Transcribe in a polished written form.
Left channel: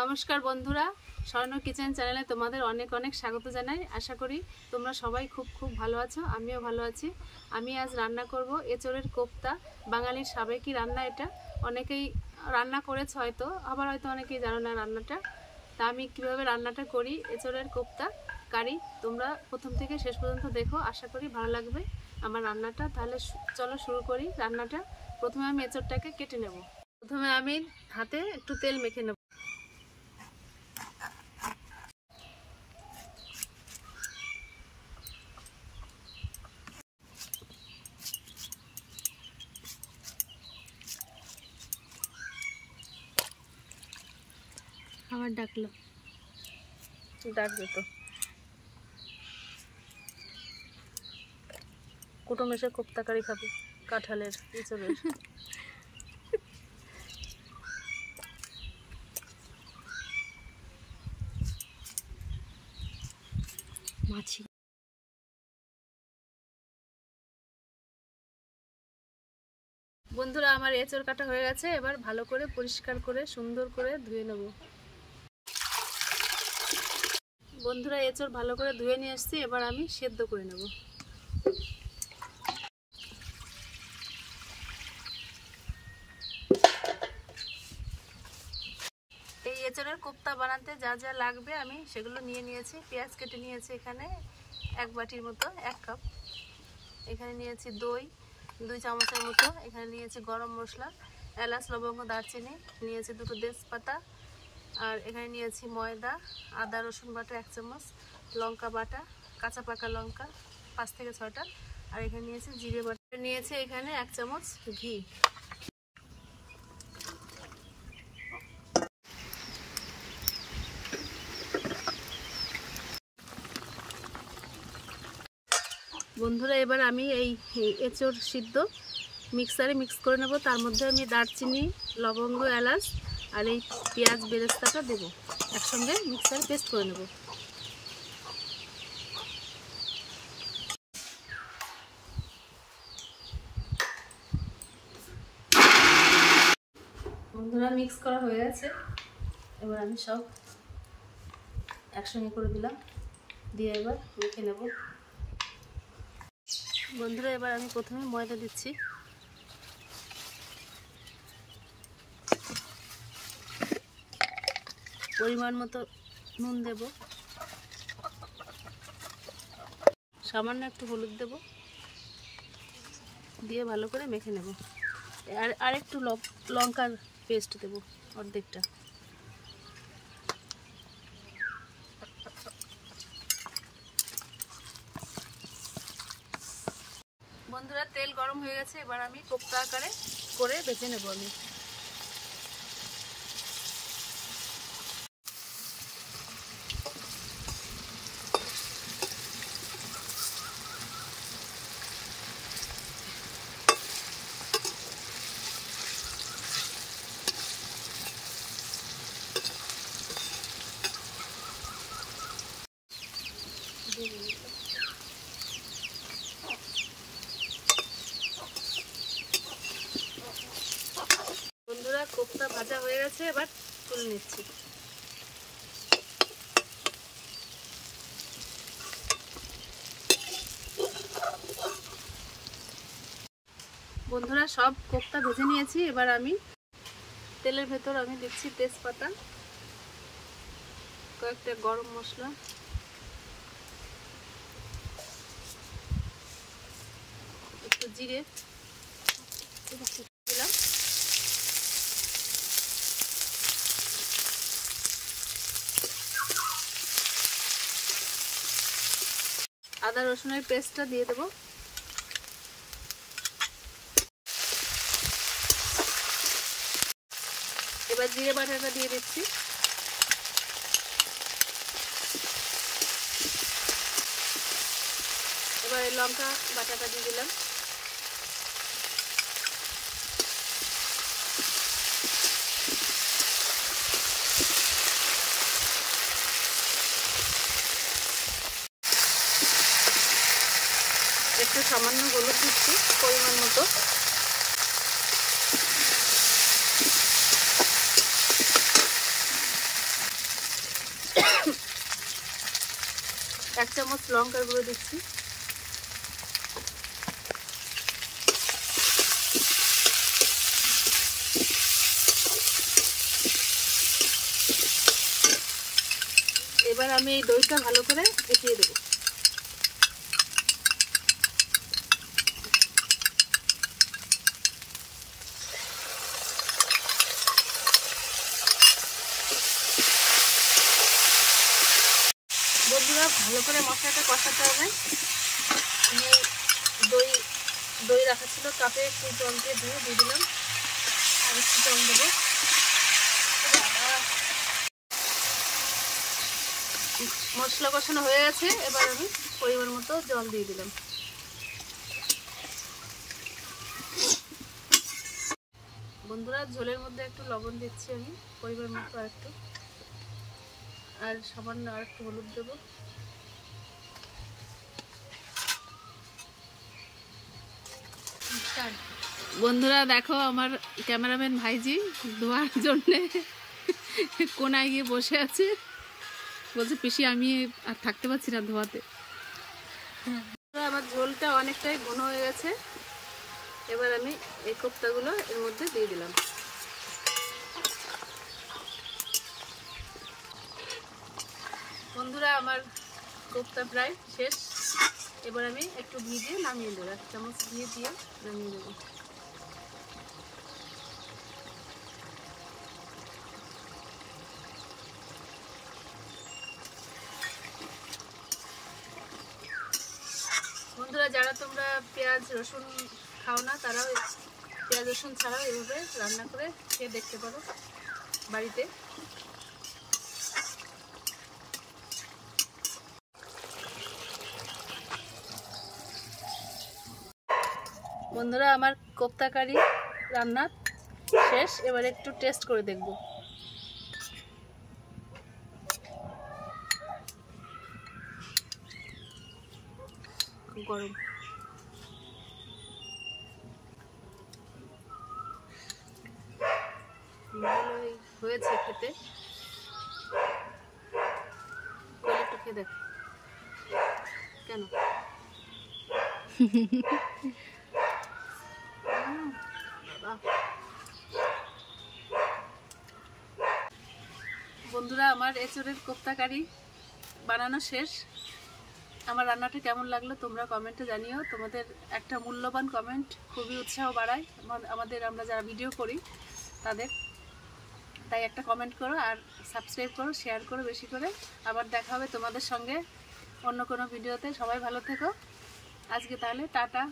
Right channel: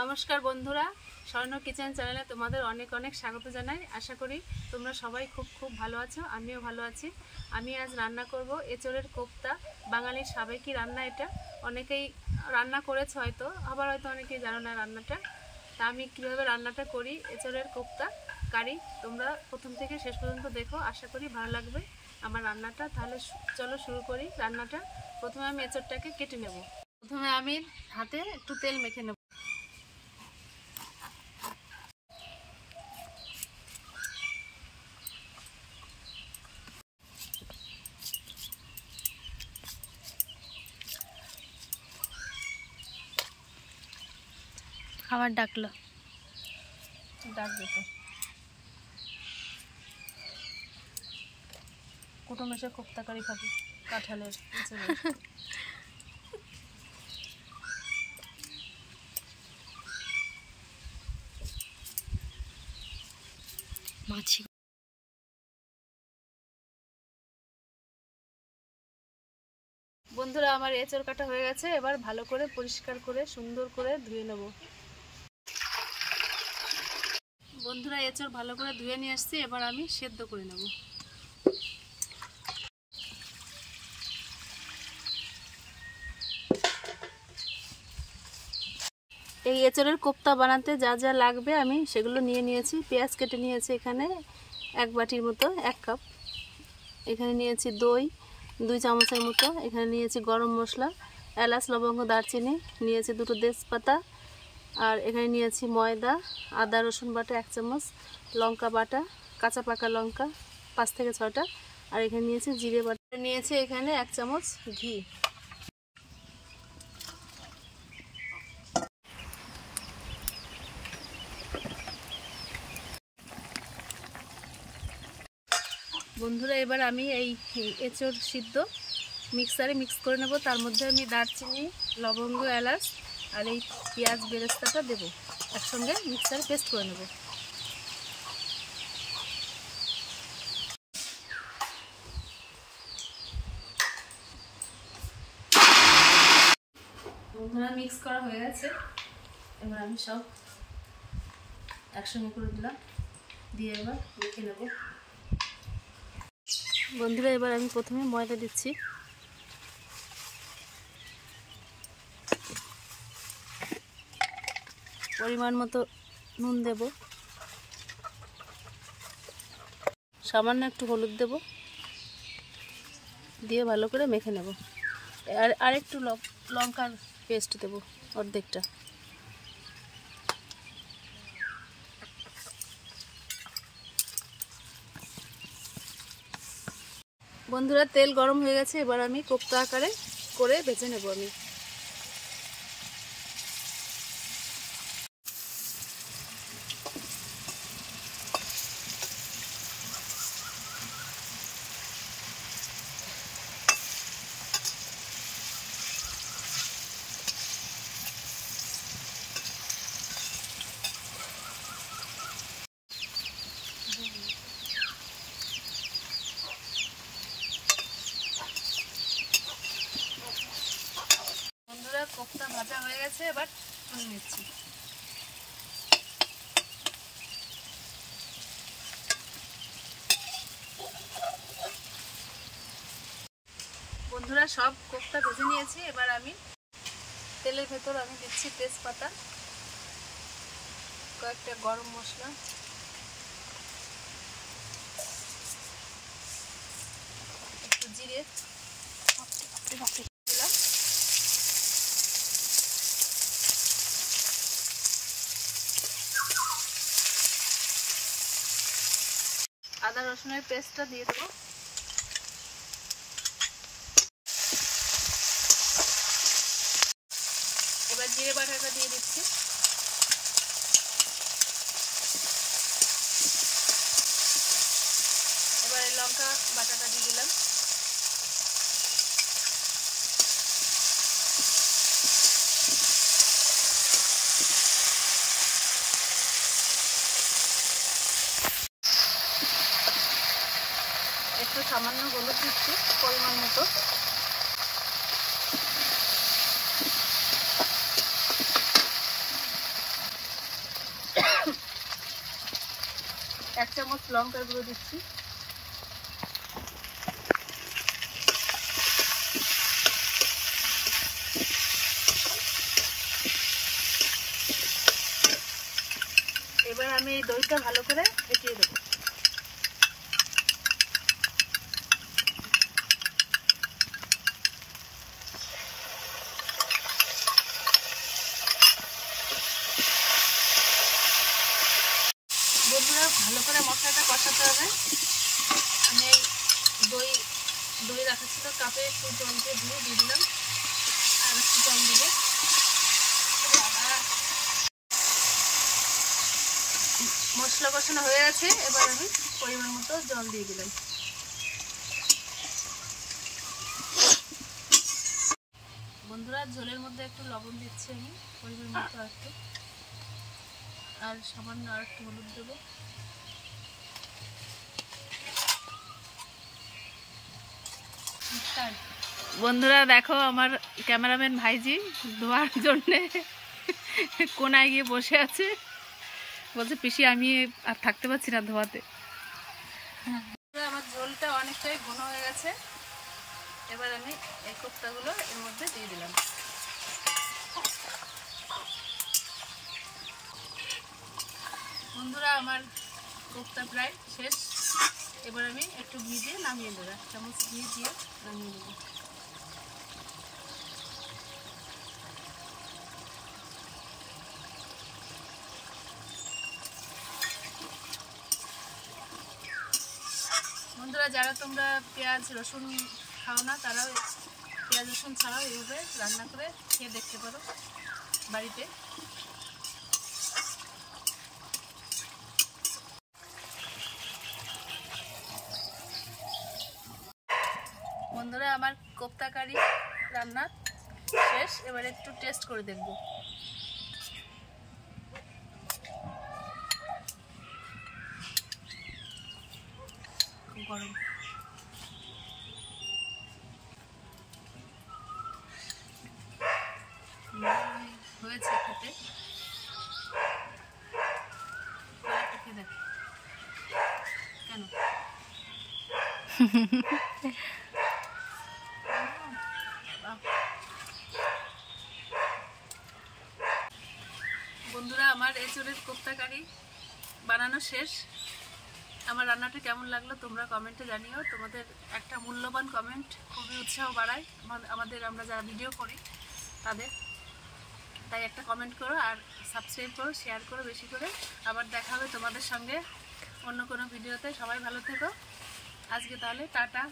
নমস্কার বন্ধুরা, স্বর্ণ কিচেন চ্যানেলে তোমাদের অনেক অনেক স্বাগত জানাই। আশা করি তোমরা সবাই খুব ভালো আছো, আমিও ভালো আছি। আমি আজ রান্না করব এঁচোড়ের কোপ্তা। বাঙালির সাবেকি রান্না এটা। অনেকেই রান্না করেছে হয়তো, আবার হয়তো অনেকেই জানো না রান্নাটা। তা আমি কীভাবে রান্নাটা করি এঁচোড়ের কোপ্তা কারি, তোমরা প্রথম থেকে শেষ পর্যন্ত দেখো, আশা করি ভালো লাগবে আমার রান্নাটা। তাহলে চলো শুরু করি রান্নাটা। প্রথমে আমি এঁচোড়টাকে কেটে নেব। প্রথমে আমি হাতে একটু তেল মেখে নেব। খাবার ডাকলো, ডাকবে তো। কুটুম এসে কোপ্তা কারি খাবে, কাঁঠালের এঁচোড়ের। মাছি। বন্ধুরা, আমার এঁচোড় কাটা হয়ে গেছে। এবার ভালো করে পরিষ্কার করে সুন্দর করে ধুয়ে নেব। বন্ধুরা, এঁচোড় ভালো করে ধুয়ে নিয়ে আসছি, এবার আমি সেদ্ধ করে নেব। এই এঁচোড়ের কোপ্তা বানাতে যা যা লাগবে আমি সেগুলো নিয়ে নিয়েছি। পেঁয়াজ কেটে নিয়েছি এখানে 1 বাটির মতো, 1 কাপ। এখানে নিয়েছি দই 2 চামচের মতো। এখানে নিয়েছি গরম মশলা, এলাচ, লবঙ্গ, দারচিনি, নিয়েছি 2টো তেজপাতা। আর এখানে নিয়েছি ময়দা, আদা রসুন বাটা 1 চামচ, লঙ্কা বাটা, কাঁচা পাকা লঙ্কা 5 থেকে 6টা। আর এখানে নিয়েছি জিরে বাটা, নিয়েছি এখানে 1 চামচ ঘি। বন্ধুরা, এবার আমি এই এঁচোড় সিদ্ধ মিক্সারে মিক্স করে নেব। তার মধ্যে আমি দারচিনি, লবঙ্গ, এলাচ আর এই পেঁয়াজ বেরেস্তাটা দেব, একসঙ্গে মিক্সারে পেস্ট করে নেব। বন্ধুরা, মিক্স করা হয়ে গেছে। এবার আমি সব একসঙ্গে করে দিলাম, দিয়ে এবার মেখে নেব। বন্ধুরা, এবার আমি প্রথমে ময়দা দিচ্ছি। পরিমাণ মতো নুন দেব, সামান্য একটু হলুদ দেব, দিয়ে ভালো করে মেখে নেব। আর একটু লঙ্কার পেস্ট দেব, অর্ধেকটা। বন্ধুরা, তেল গরম হয়ে গেছে। এবার আমি কোপ্তা আকারে করে ভেজে নেব আমি। বন্ধুরা, কোপ্তা ভাজা হয়ে গেছে, এবার তুলে নিচ্ছি। বন্ধুরা, সব কোপ্তা ভেজে নিয়েছি। এবার আমি তেলের ভেতর আমি দিচ্ছি তেজপাতা, কয়েকটা গরম মশলা, একটু জিরে দিলাম, আদা রসুনের পেস্টটা দিয়ে দেবো। এবার জিরে বাটাটা দিয়ে দিচ্ছি। এবার লঙ্কা বাটাটা দিয়ে দিলাম। একটু সামান্য হলুদ দিচ্ছি পরিমাণ মতো। 1 চামচ লঙ্কার গুঁড়ো দিচ্ছি। এবার আমি এই দইটা ভালো করে ফেটিয়ে দেবো। বন্ধুরা ভালো করে মশলাটা কষাতে হবে। আমি দই রাখা ছিল কাপে, একটু জল দিয়ে দিলাম, আর একটু জল দেবো। মশলা কষানো হয়ে গেছে, এবার আমি পরিমাণ মতো জল দিয়ে দিলাম। বন্ধুরা ঝোলের মধ্যে একটু লবণ দিচ্ছি আমি পরিমাণ মতো, আর সামান্য আর একটু হলুদ দেবো। বন্ধুরা দেখো আমার ক্যামেরাম্যান ভাইজি ধোয়ার জন্যে কোনায় গিয়ে বসে আছে, বলছে পিসি আমি আর থাকতে পারছি না ধোয়াতে। আমার ঝোলটা অনেকটাই ঘন হয়ে গেছে, এবার আমি এই কোপ্তাগুলো এর মধ্যে দিয়ে দিলাম। বন্ধুরা আমার কোপ্তা প্রায় শেষ, এবার আমি একটু ঘি দিয়ে নামিয়ে দেবো, 1 চামচ ঘি দিয়ে নামিয়ে দেবো। বন্ধুরা যারা তোমরা পেঁয়াজ রসুন খাও না, তারাও পেঁয়াজ রসুন ছাড়াও এভাবে রান্না করে খেয়ে দেখতে পারো বাড়িতে। বন্ধুরা আমার কোপ্তা কারি রান্না শেষ, এবার একটু টেস্ট করে দেখব। খুব গরম। ভালোই হয়েছে খেতে, একটু খেয়ে দেখ কেন। বন্ধুরা আমার এঁচোড়ের কোপ্তা কারি বানানো শেষ। আমার রান্নাটা কেমন লাগলো তোমরা কমেন্টে জানিও। তোমাদের একটা মূল্যবান কমেন্ট খুবই উৎসাহ বাড়ায় আমরা যারা ভিডিও করি তাদের। তাই একটা কমেন্ট করো, আর সাবস্ক্রাইব করো, শেয়ার করো বেশি করে। আবার দেখা হবে তোমাদের সঙ্গে অন্য কোনো ভিডিওতে। সবাই ভালো থেকো। আজকে তাহলে টাটা।